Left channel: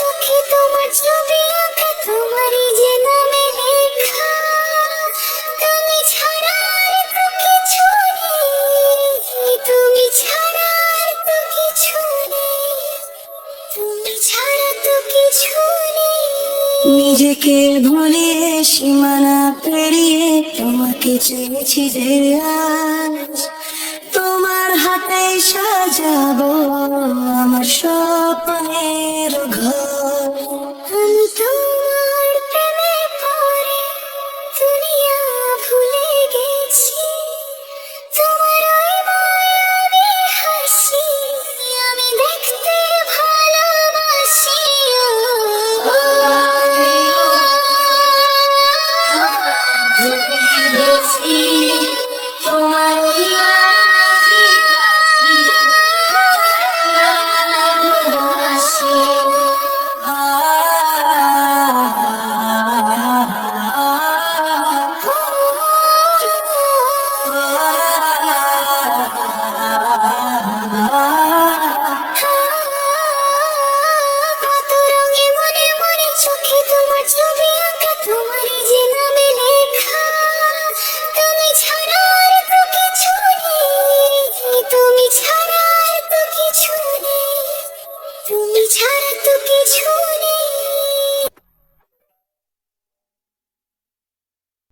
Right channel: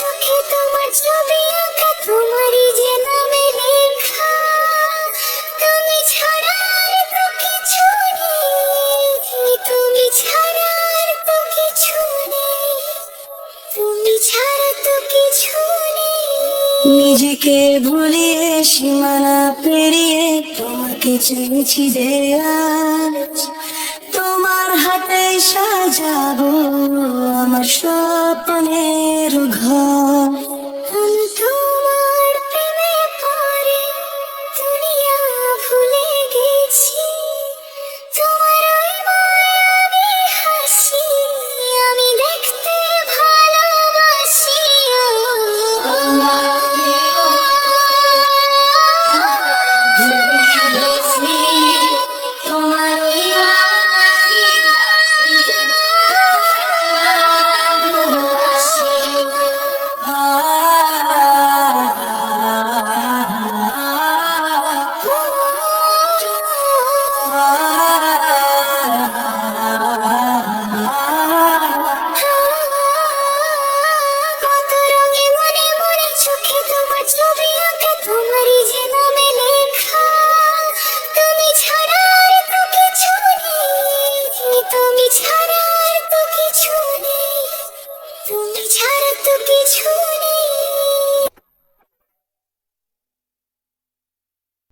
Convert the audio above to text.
চোখে তোমার ছবি আঁকা তোমারই যে নামে লেখা তুমি ছাড়া নিজেকে ভুলিয়ে, সীমানা পেরিয়ে, তোমাকে চেয়েছি যে তোমার হাতে সাজাবো আমার স্বপ্নের ঘর আমি তোমার প্রেমে পড়ে দুনিয়া ভুলে গেছি তোমার ওই হাসি আমি দেখতে ভালোবাসি তোমার ওই তোমারই যে নামে লেখা, তুমি ছাড়া তো কিছু নেই। তুমি ছাড়া তো কিছু নেই। তুমি ছাড়া তো কিছু